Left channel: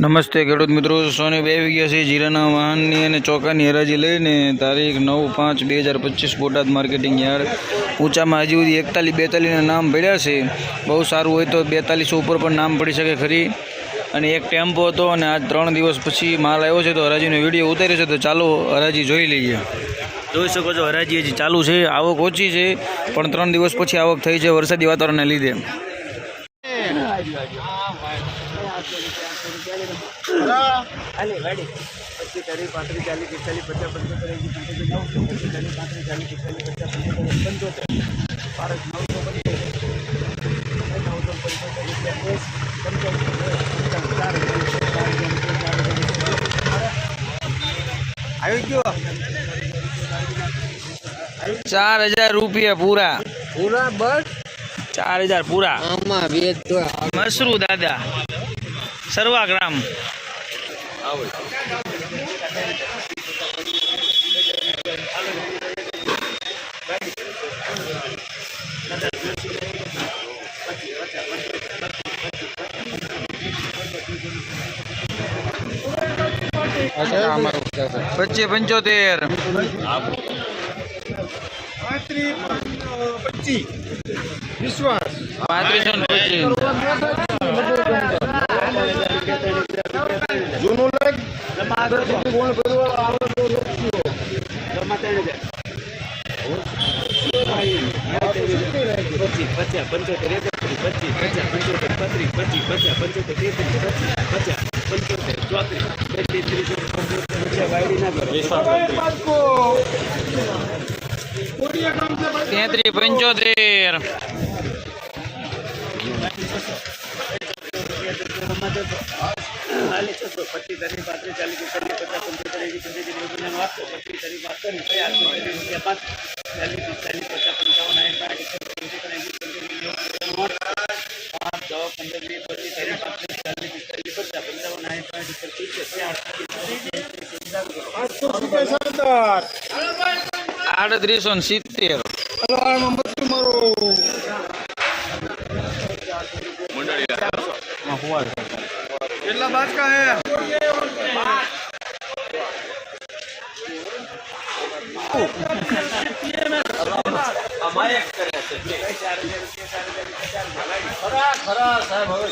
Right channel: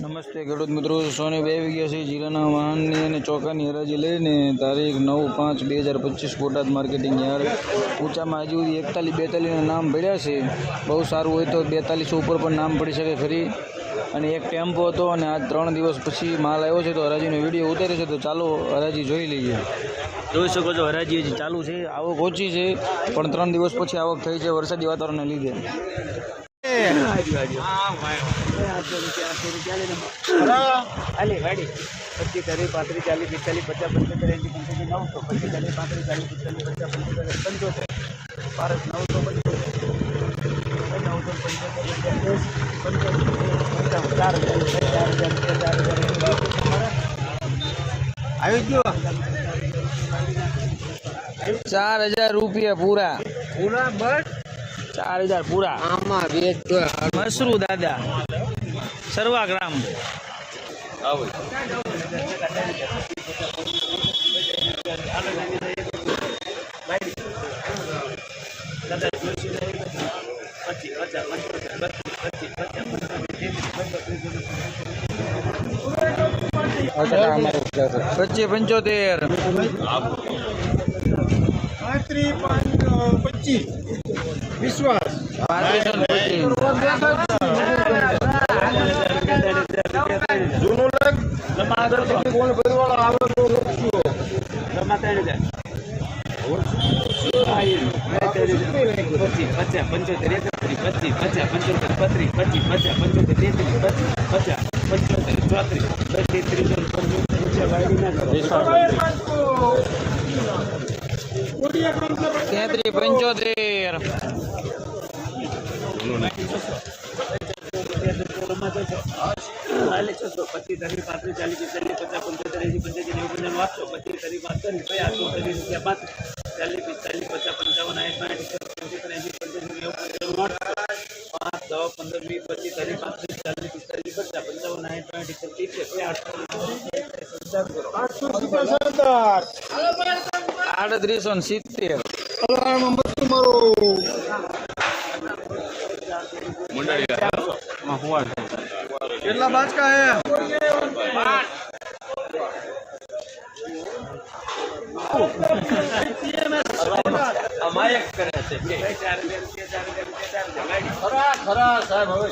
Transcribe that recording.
નમસ્તે ખેડૂત મિત્રો, સોની બે વિગ્યાસી જીરાના વાહનની અને ચોખાની હરાજી લઈને તારીખ નવ પાંચ બે હજાર પચીસ બોટાદ માર્કેટિંગ યાર્ડ. ઊંચામાં હજી સુધી એકતાલીસ બેતાલીસના નામ પડ્યા છે. બહુ સારું હોય તો બેતાલીસ ઉપર પણ નામ પડી શકે ખરી. અને એક ટેમ્પો હતો અને આજ ત્રણ દિવસ પછી માલ આવ્યો છે, તો હરાજીનો વીડિયો ઉતાર્યો છે, તો ચાલો હરાજી જોઈ લઈએ. જોઈ શકો છો, હરાજી હજી ચાલુ છે, આવક ઓછી છે, પણ ત્રણ દિવસ પછી આવક થઈ છે વરસાદી વાતાવરણને લીધે. આલી વાડી પછી તારીખ પાંત્રીસ ચાલીસ પિસ્તાલીસ પચાસ પંચોતેર એંસી પંચોતેર નવસો પચીસ તારીખ પાંત્રીસ ચાલીસ પિસ્તાલીસ પચાસ પંચોતેર પંચોતેર. ભારત નવસો પંચોતેર. નવસો પંચોતેર એકત્રીસ પંચોતેર પંચાવન ચાર હજાર ચાર હજાર ચાર હજાર આવી ગયો ચાર હજાર રૂપિયા પૂરા. પૂરા બસ? ચાર હજાર પૂરા. આમાં તો મસરૂ દાદા સર્વાગ્રામ ગ્રામ. પચીસ પંચોતેર. પચીસ વિશ્વાસ. પાંત્રીસો પંચોતેર એકત્રીસ પચીસ. પચાસ પંચોતેર પત્રીસ પચીસ પચાસ પંચોતેર તેત્રીસ પચીસ પચાસ પંચોતેર ચોત્રીસ તેત્રીસ પચાસ વાયડી ના કરો તેત્રીસ પંચોતેર. પચીસ તારીખ પાંત્રીસ ચાલીસ પચાસ પંચોતેર એંસી પચીસ તારીખ પાંત્રીસ પચાસ રૂપિયા પાંત્રીસ ચાલીસ પિસ્તાલીસ પચાસ પંચાવન સાઠ સાઠ નેવું પાંચ છ પંદર પચીસ પિસ્તાલીસ પચાસ પંચાવન સાઠ સાઠ સિત્તેર. પિસ્તાલીસ આડત્રીસો ને સિત્તેર કેટલા બાચકા હે ખરા ખરા સાહેબ હવે